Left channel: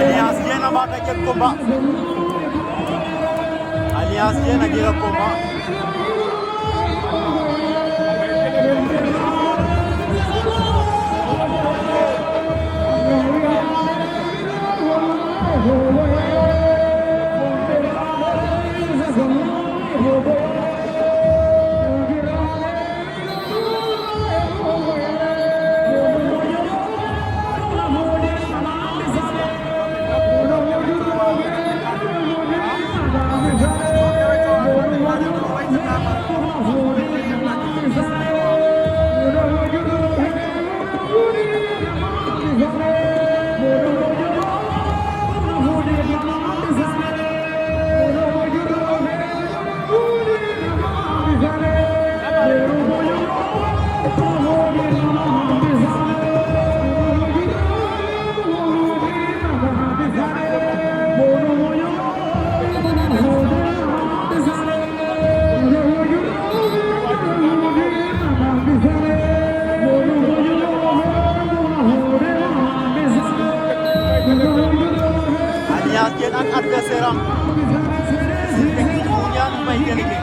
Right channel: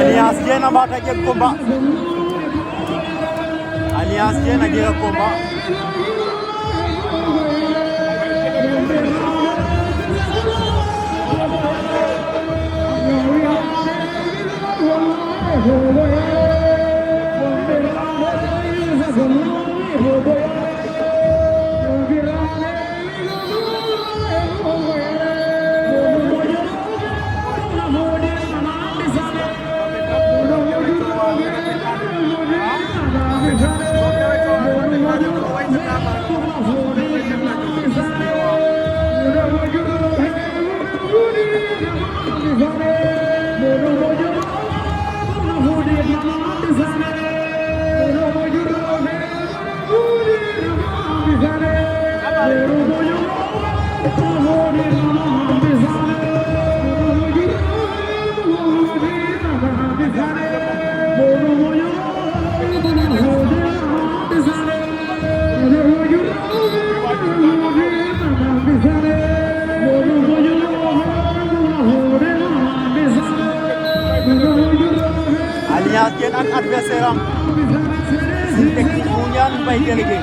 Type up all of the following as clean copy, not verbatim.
Alliance Diène a ɓaata jeg combat. Alliance Diène a jega combat. Alliance Diène ak adversaire am Usine Technique bu Ngoundiane Mbaye délégué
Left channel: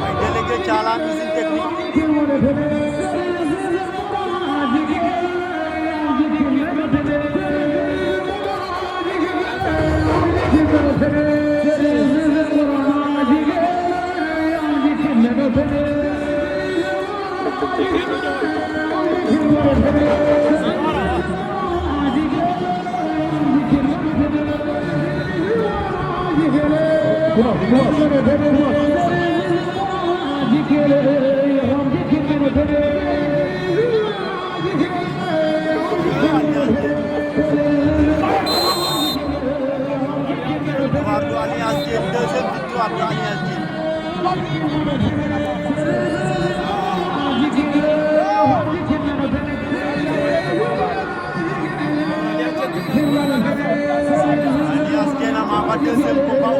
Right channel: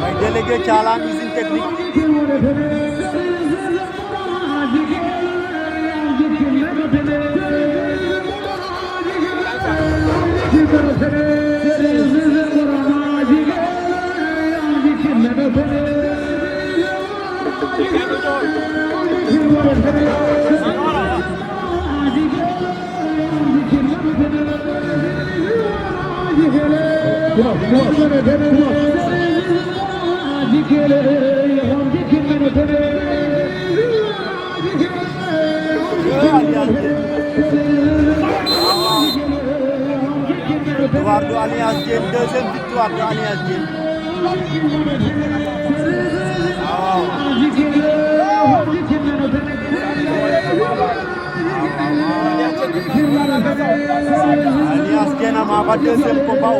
Mbaye délégué Thialane Usine Technique victoire de Alliance Diène, deuxième victoire de Alliance Diène. Alliance Diène a ma deuxième combat.